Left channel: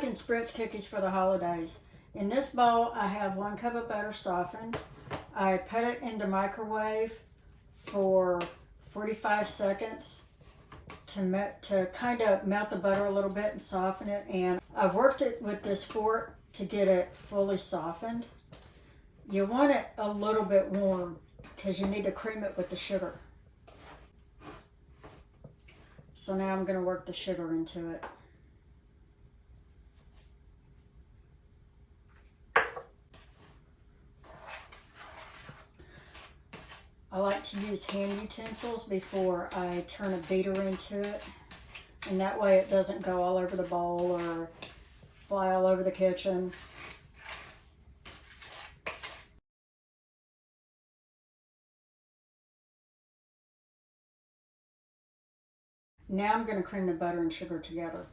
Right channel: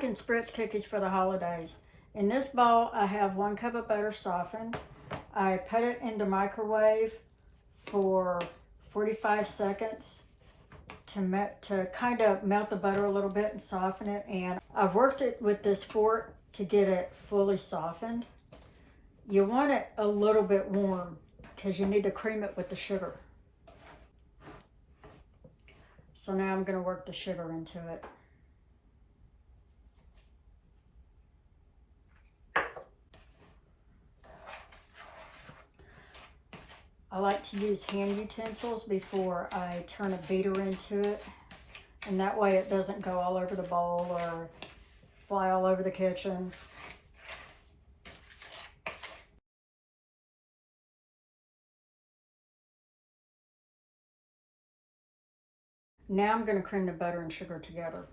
making Spritz cookies for the holidays. In this bowl, I have 1 cup of butter softened. I put it in the microwave for 45 seconds to kind of melt the butter a little bit and soften it. And I've worked it with this fork to get it fully softened. You want it a little bit warm because you need to cream it with the sugar. So now I'm going to work the sugar into it. I like to use hand utensils before I turn a beater into it, and that way it doesn't go all over the bowl or fly all over the kitchen. Now I'm going to cream the butter and sugar together.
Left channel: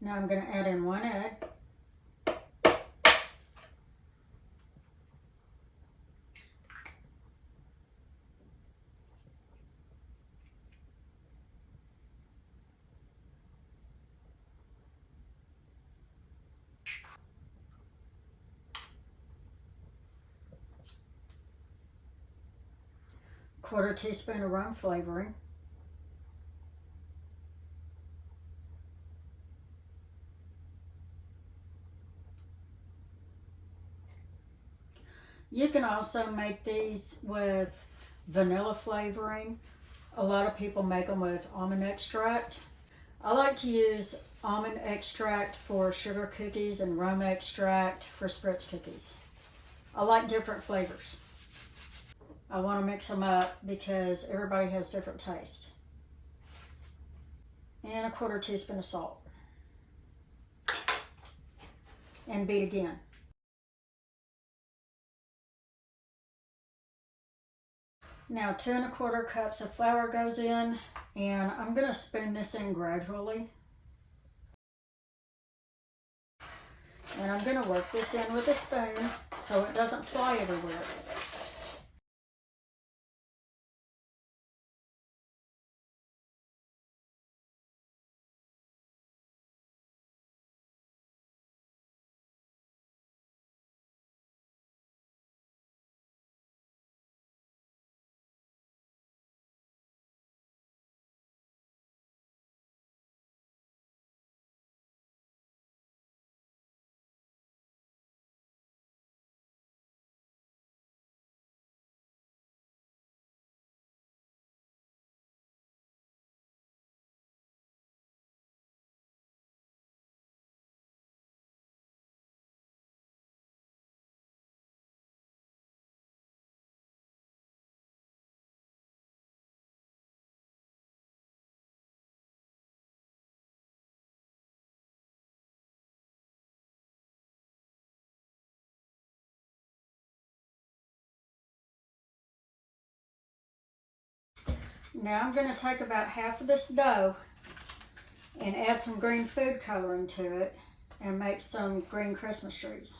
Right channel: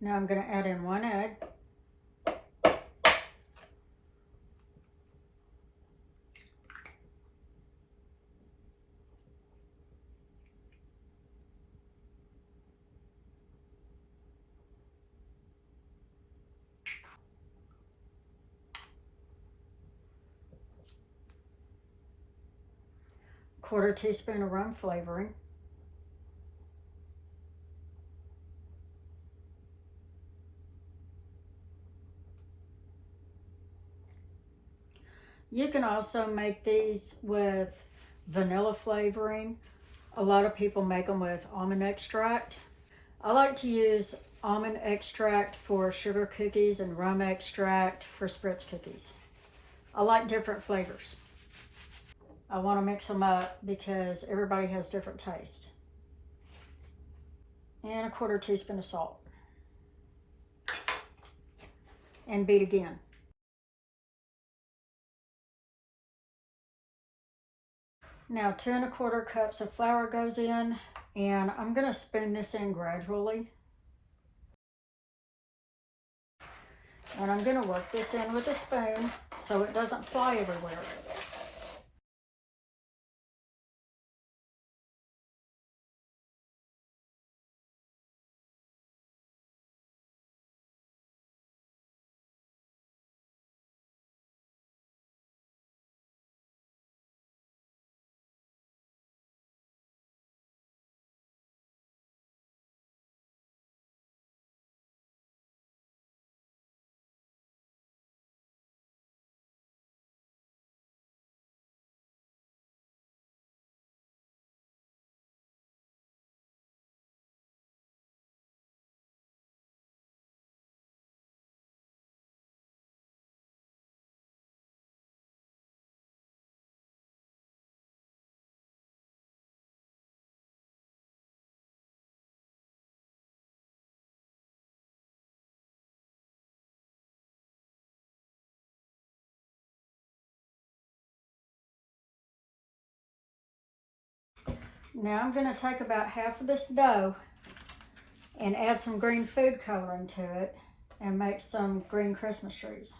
Now I'm going to add in 1 egg. Quarter teaspoon of rum flavoring. You can also make these with vanilla flavoring. A lot of people make them with almond extract. I like to use almond extract for sugar cookies and rum extract for Spritz cookies. I like different flavors. I want to mix them up because everybody has different taste. And a quarter teaspoon of salt. And beat again. Now 2 1/4 cups of flour goes in, and I'm going to spoon this in gradually. And I'm going to work this in with a spoon so it doesn't fly everywhere. Now I'm going to take about half of this dough and add some green food coloring to it and make some green Christmas trees.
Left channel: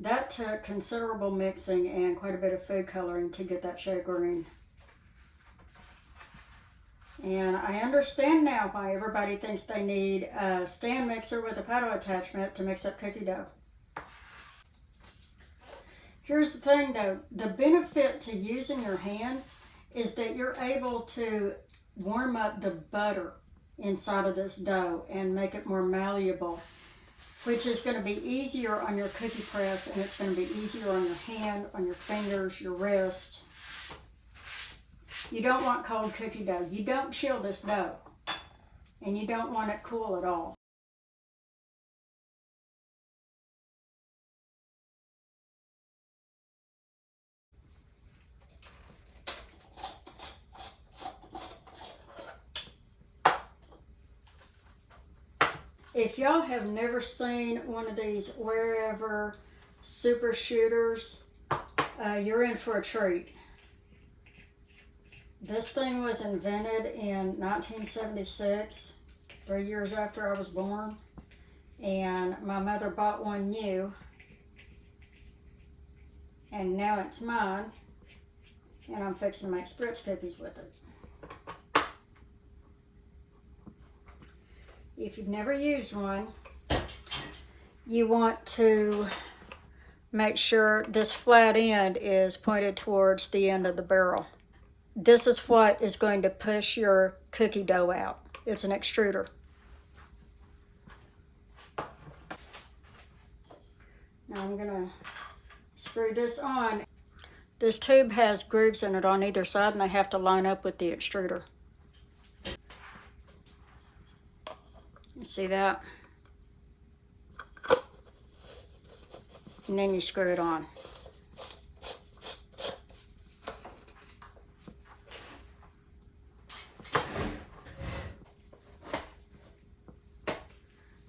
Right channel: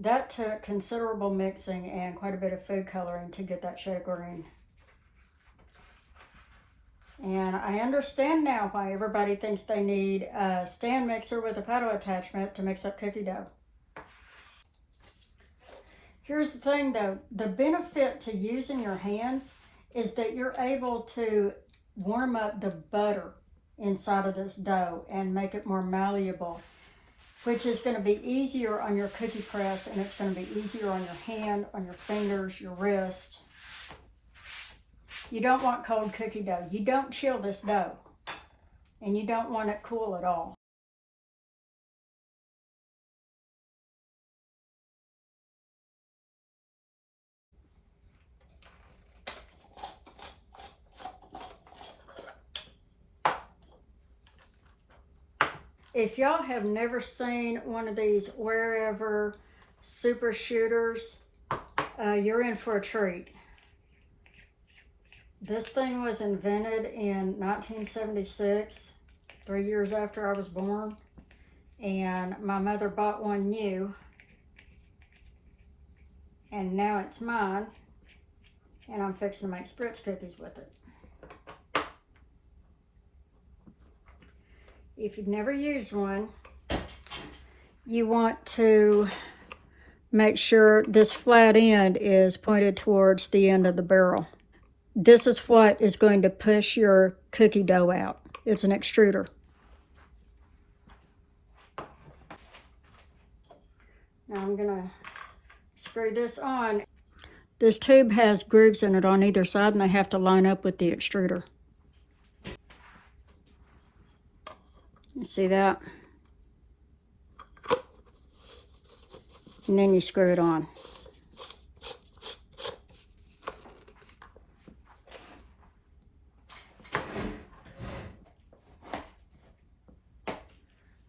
That took considerable mixing and quite a bit of food coloring to get that shade of green. And I understand now why everybody thinks they need a stand mixer with a pedal attachment to mix up cookie dough. Here's the thing though, the benefit to using your hands is that you're able to warm up the butter inside of this dough and make it more malleable, which is going to be easier on your cookie press, and it's going to be easier on your hand, on your fingers, your wrist. You don't want cold cookie dough. You don't chill this dough. and you don't want it cool at all. If y'all have never seen one of these wherever super shooters, you're in for a treat. This thing was invented in 1976, 3 years after I was born, and my mother bought one new, and now it's mine, and I'm fixing to make Spritz cookies with it. If you've never used one, you want to make sure this flat end is pointed towards the end of the barrel. This is what is going to push your cookie dough out. It's an extruder. Now I'm going to screw this on. This tube has grooves in it on either side, and they have to line up with the extruder. You see that? And then you screw it on.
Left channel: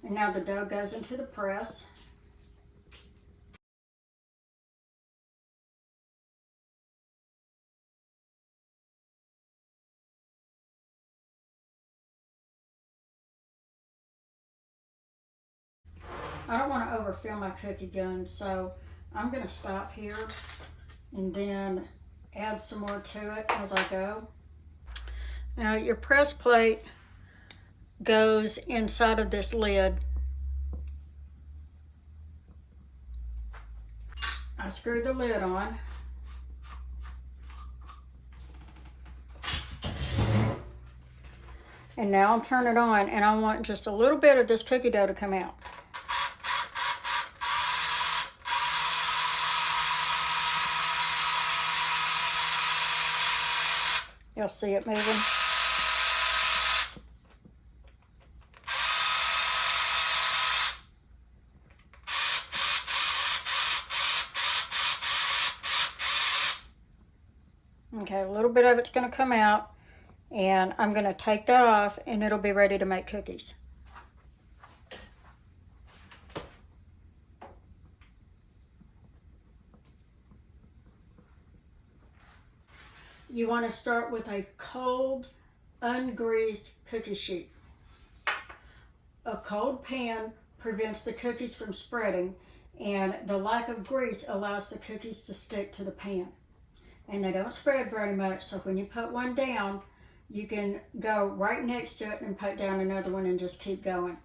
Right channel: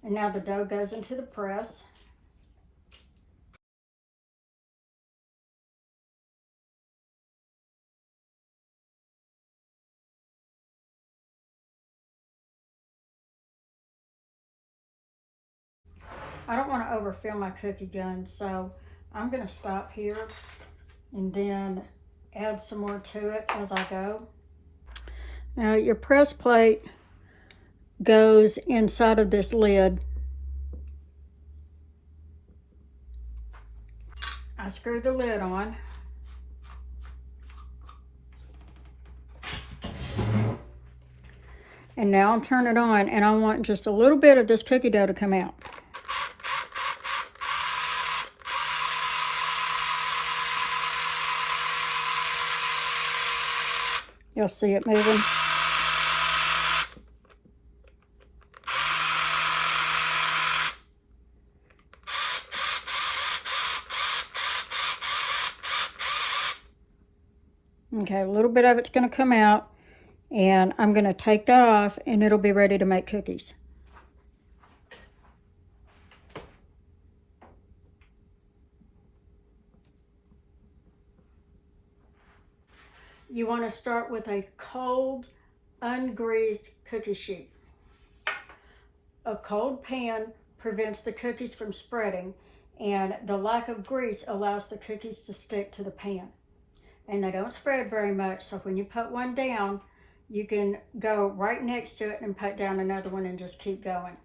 And now the dough goes into the press. I don't want to overfill my cookie gun, so I'm going to stop here and then add some more to it as I go. Now your press plate goes inside of this lid. I screw the lid on. And now I'll turn it on, and I want just a little bit of this cookie dough to come out. You'll see it moving. Okay, a little bit of it's going to come out, and I'm going to take that off, and it'll be ready to make cookies. You want to start with a cold, ungreased cookie sheet. A cold pan prevents the cookies from spreading, and the lack of grease allows the cookies to stick to the pan. And they don't spread very much, so when you put one down, you can go right next to it and put down another one and just keep going.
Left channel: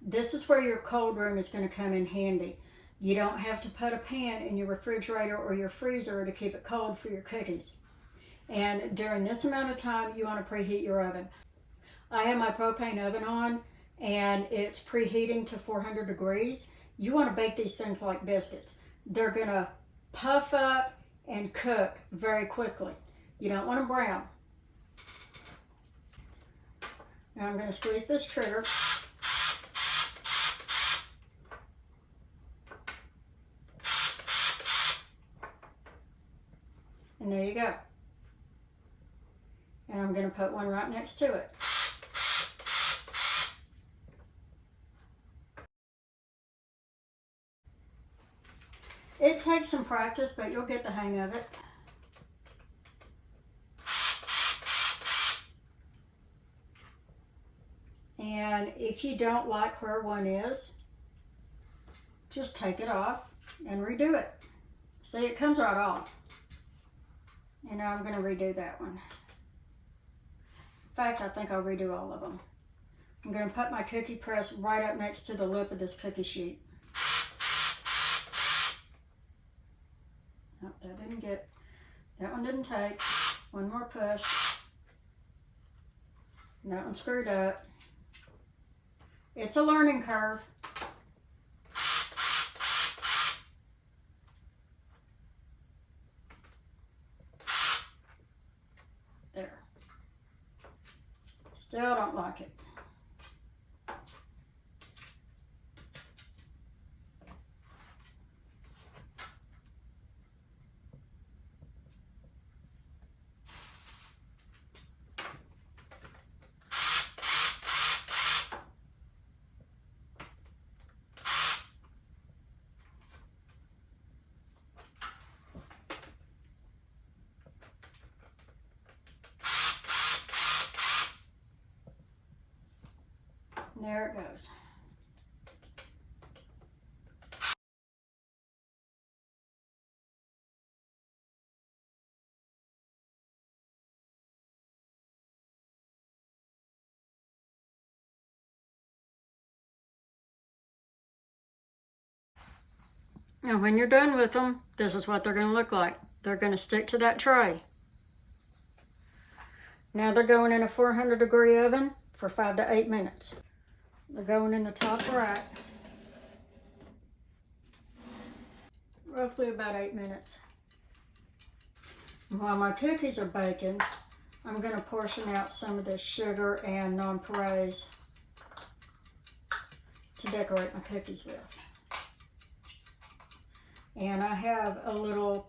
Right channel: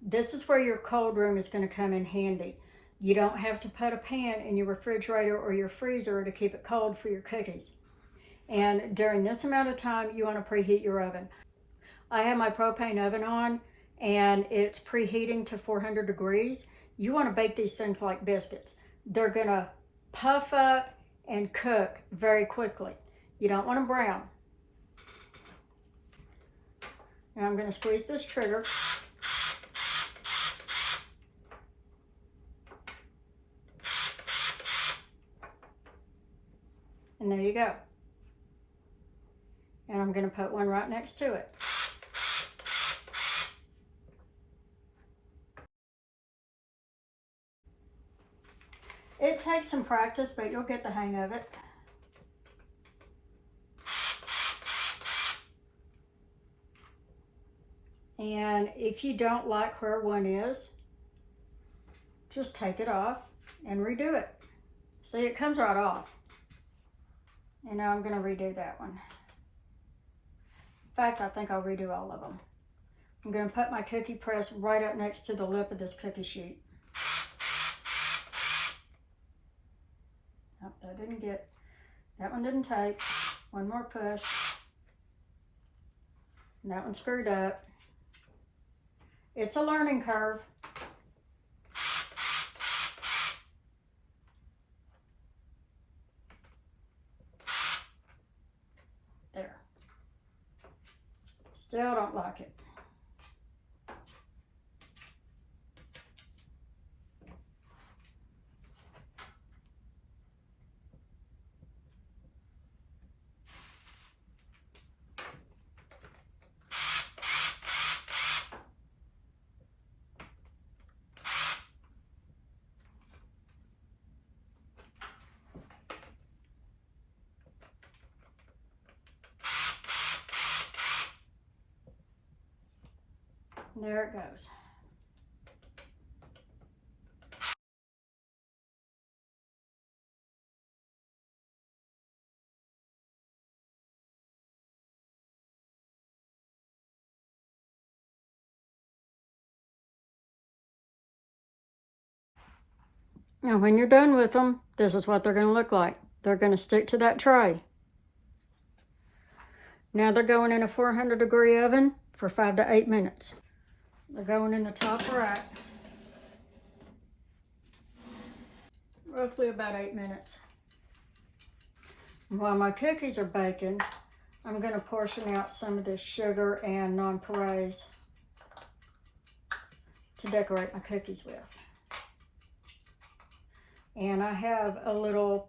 This is where your cold room is going to come in handy. You don't have to put a pan in your refrigerator or your freezer to keep it cold for your cookies. And during this amount of time, you want to preheat your oven. I have my propane oven on, and it's preheating to 400 degrees. You want to bake these things like biscuits. They're going to puff up and cook very quickly. You don't want them brown. Now I'm going to squeeze this trigger. And there you go. And I'm going to put one right next to it. It takes some practice, but you'll get the hang of it. And if you don't like where one is, just take it off and redo it. See, it comes right off. And now I'm going to redo that one. In fact, I think I'll redo all of them. I'm going to put my cookie press right up next to the lip of this cookie sheet. Oh, that one didn't take. One more push. And that one screwed up. It's a learning curve. There. Still don't like it. There it goes. And when you're done with them, this is what they're going to look like. They're going to stick to that tray. Now they're going in a 400-degree oven for 5 to 8 minutes. They're going in the top rack. Roughly about 8 minutes. While my cookies are baking, I'm going to portion out some of this sugar and nonpareils to decorate my cookies with. And I have a little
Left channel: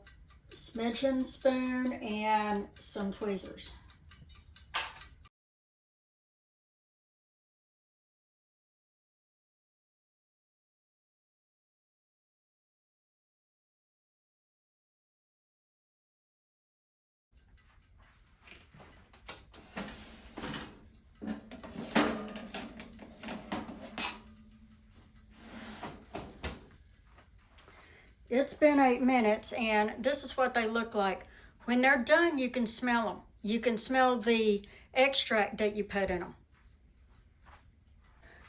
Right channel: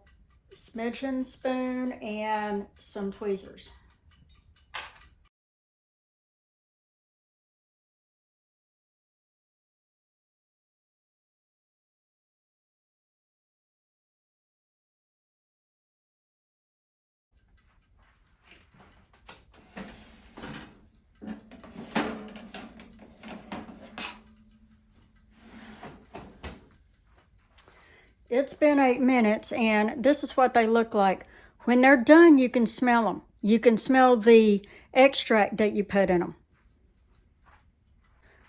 smidgen spoon and some tweezers. It's been 8 minutes, and this is what they look like. When they're done, you can smell them. You can smell the extract that you put in them.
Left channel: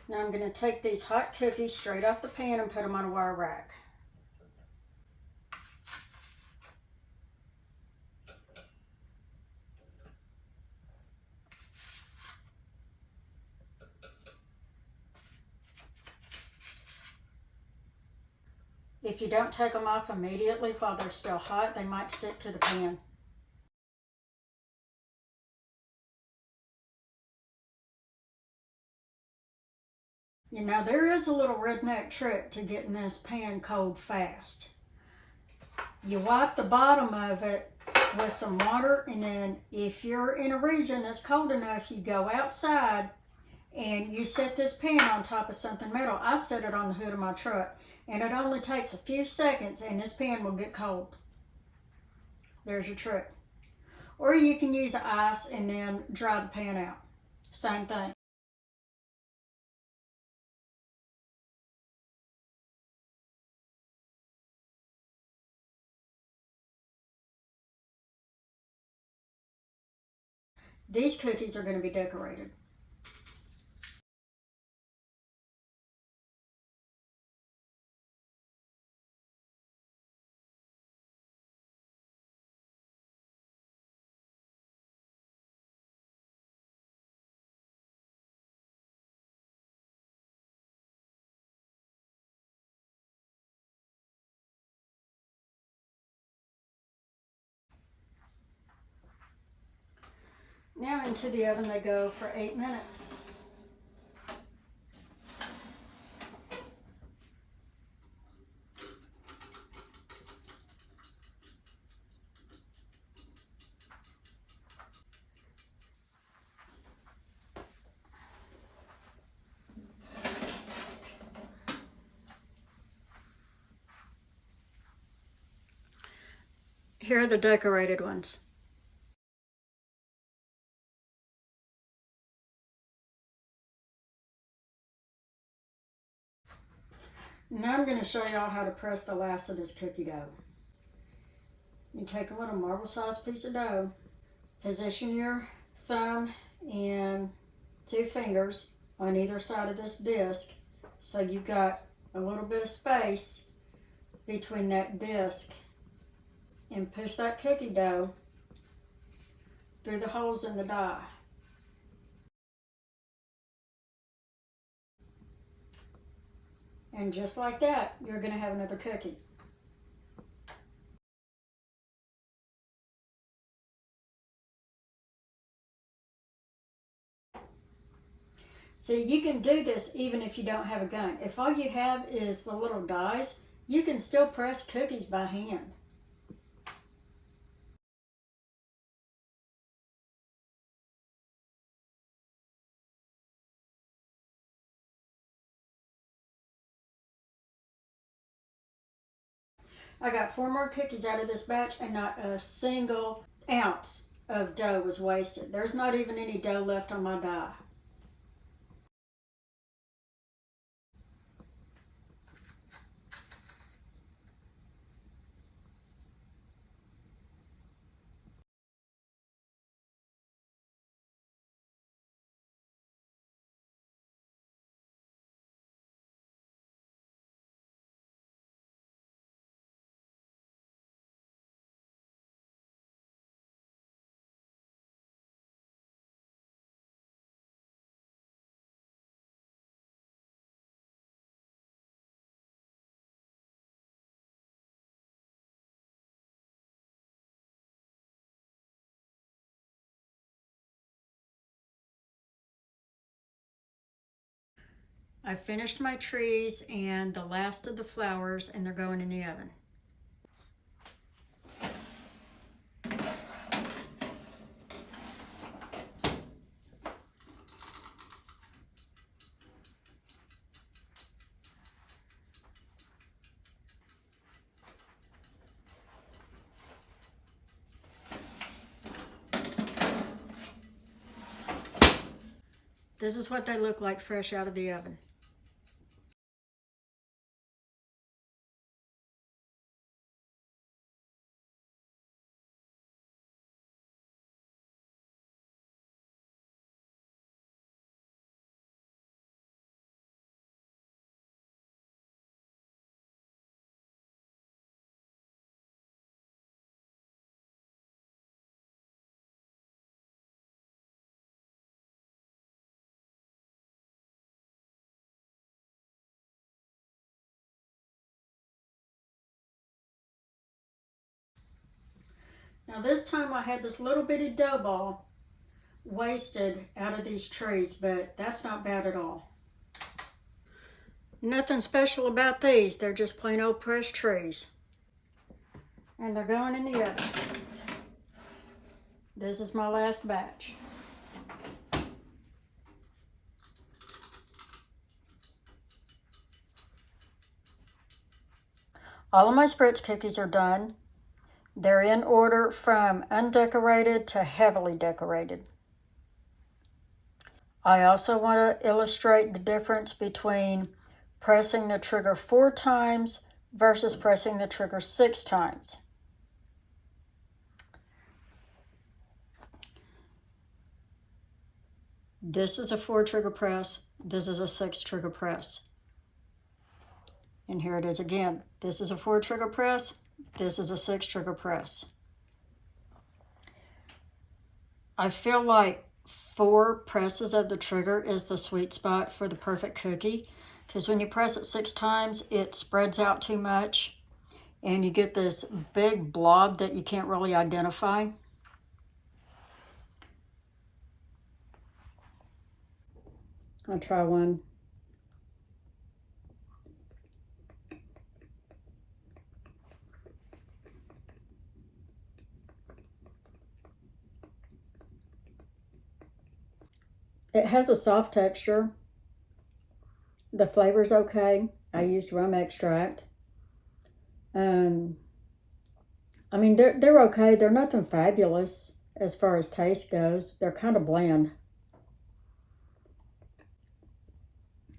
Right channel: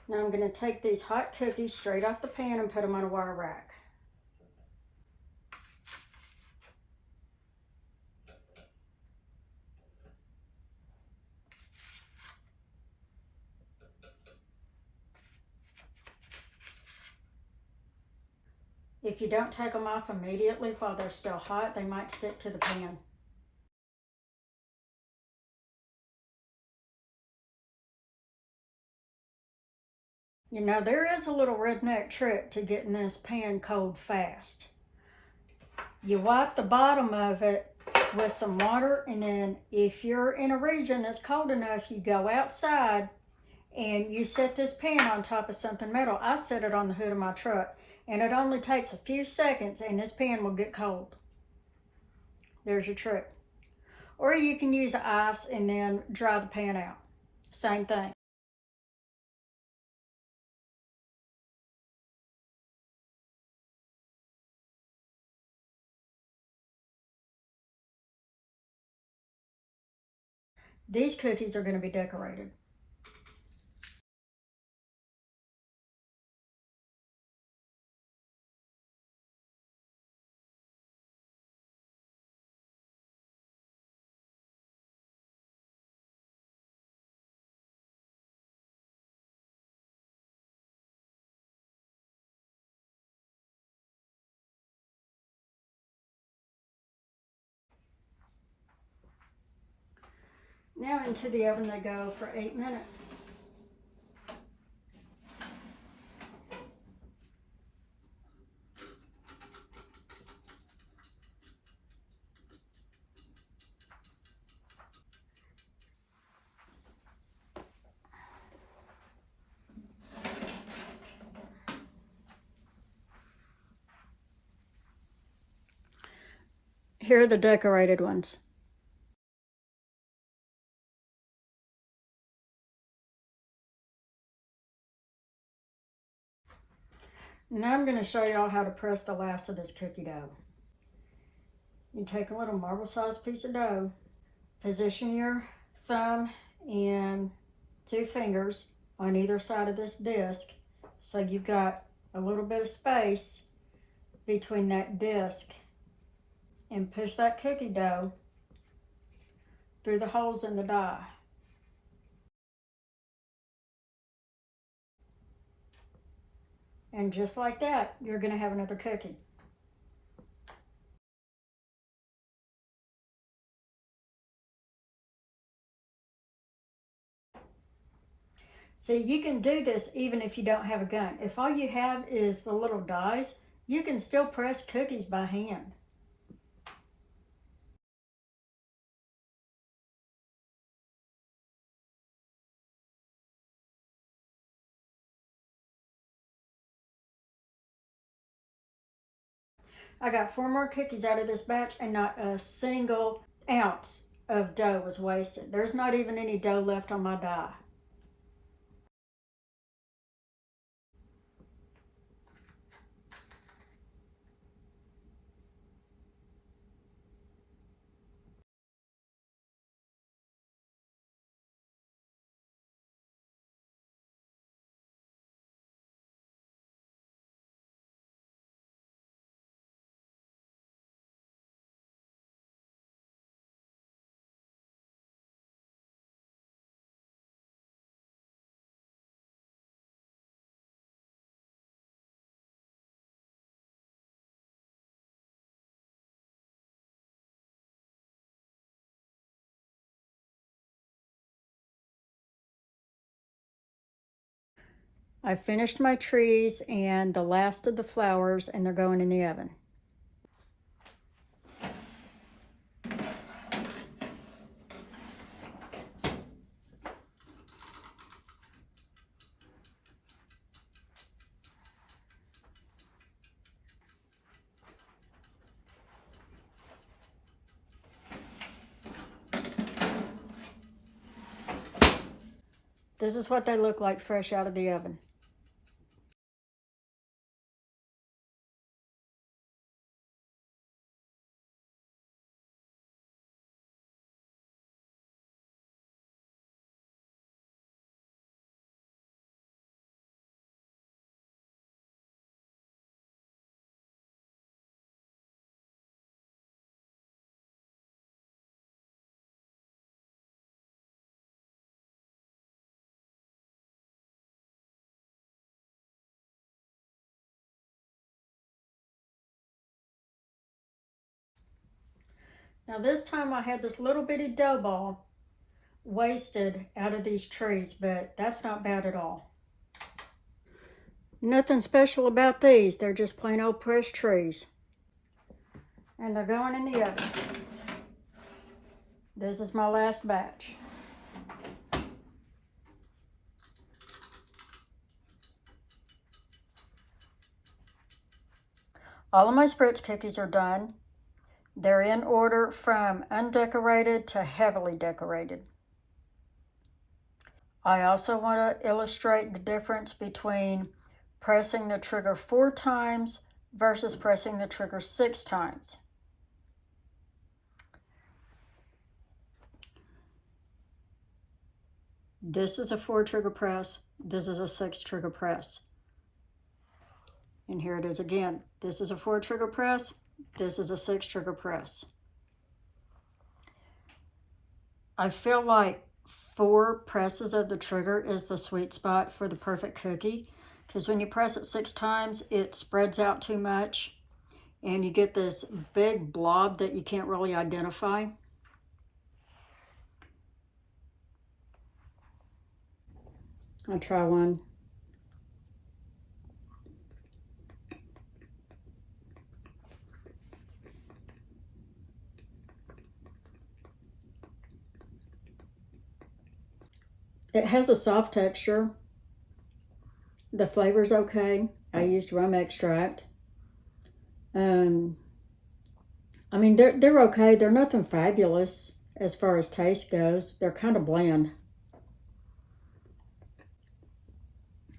Now I'm going to take these hot cookies straight off the pan and put them on a wire rack. If you don't take them off immediately while they're still hot, they might stick to the pan. You know, there is a little redneck trick to getting this pan cold fast. You wipe the bottom of it with some water, and then if you're in a region that's cold enough, you go outside and you set this pan on top of something metal. I set it on the hood of my truck, and it only takes a few seconds and this pan will get cold. There's your trick. Or you can use ice and then dry the pan out. Same thing. These cookies are going to be decorated. Now into the oven they go for 8 minutes. Here are the decorated ones. Now I'm going to show y'all how to press the last of this cookie dough. You take a little marble-sized piece of dough, position your thumb and 2 fingers on either side of this disc, so you've got a little bit of space between that disc, and push that cookie dough through the holes in the die. And just like that, you're going to have another cookie. See, you can do this even if you don't have a gun. If all you have is the little dies, you can still press cookies by hand. I got 4 more cookies out of this batch, and not a single ounce of dough was wasted. There's not even any dough left on my die. I finished my trees and the last of the flowers, and they're going in the oven. This is what they look like fresh out of the oven. Now this time I had this little bitty dough ball wasted out of these trees, but that's not bad at all. Nothing special about these, they're just plain old pressed trees. And they're going in the oven. This is my last batch. All of my Spritz cookies are done. They're in order from undecorated to heavily decorated. I also want to illustrate the difference between pressing the trigger 4 times versus pressing the trigger 6 times. This is a 4 trigger press. This is a 6 trigger press. And here it is again. This is a 4 trigger press. This is a 6 trigger press. I feel like 4 presses of the trigger is the sweet spot for the perfect cookie, because when you press it 6 times, it spreads out too much and you get this big blob that you can't really identify. I'll try one. It has a soft texture. The flavor's okay. I used rum extract. I mean, they're okay. They're nothing fabulous as far as taste goes. They're kind of bland.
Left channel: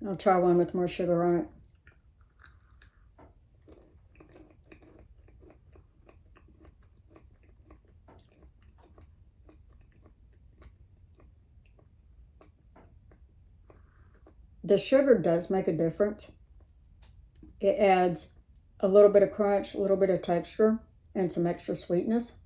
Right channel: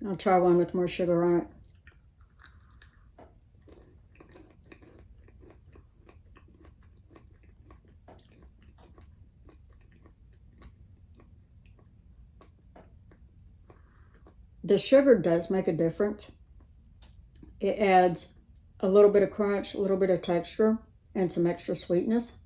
I'll try one with more sugar on it. The sugar does make a difference. It adds a little bit of crunch, a little bit of texture, and some extra sweetness.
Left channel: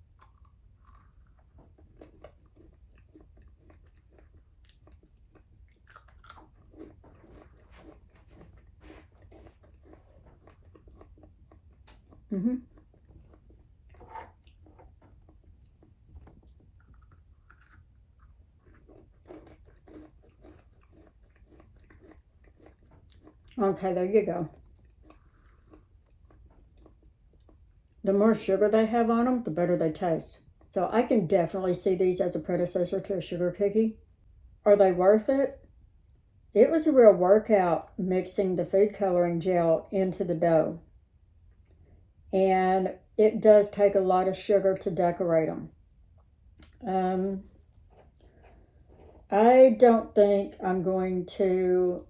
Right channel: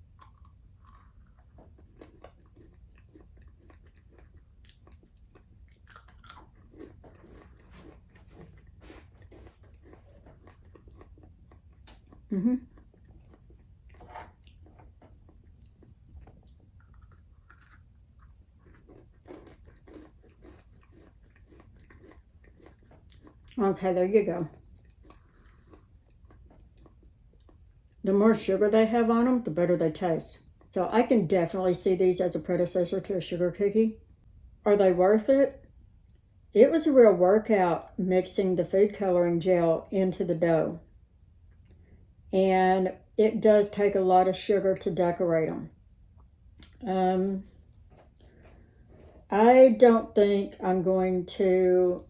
Okay, there you go. The more sugar they have on them, the better they taste. So I can definitely see these as a predecessor to a sugar cookie. Are they worth it? It was a real workout mixing the food coloring gel into the dough. And it does take a lot of sugar to decorate them. I don't think I'm going to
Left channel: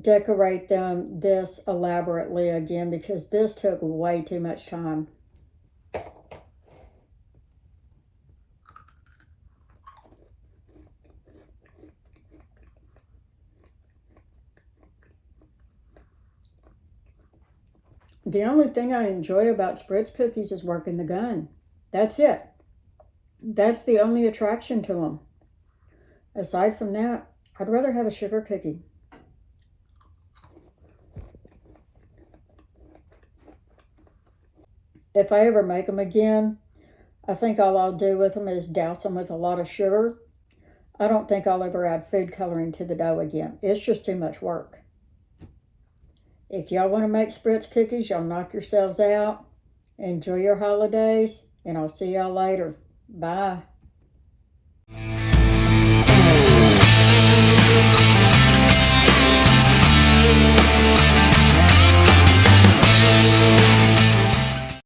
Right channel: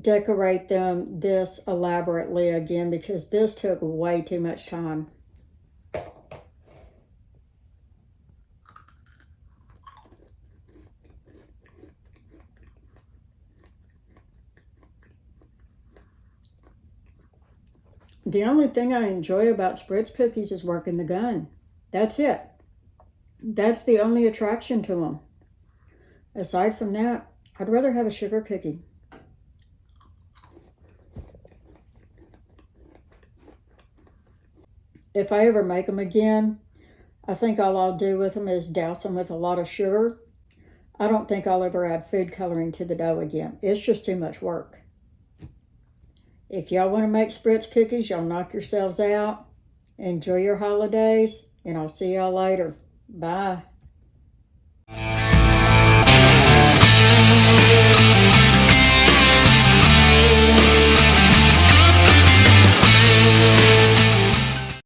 decorate them this elaborately again, because this took way too much time. The only thing I enjoy about Spritz cookies is working the gun. That's it. That's the only attraction to them. Aside from that, I'd rather have a sugar cookie. If I ever make them again, I think all I'll do with them is douse them with a lot of sugar. I don't think I'll ever add food coloring to the dough again. It's just too much work. If y'all want to make Spritz cookies, y'all knock yourselves out. Enjoy your holidays, and I'll see y'all later. Bye.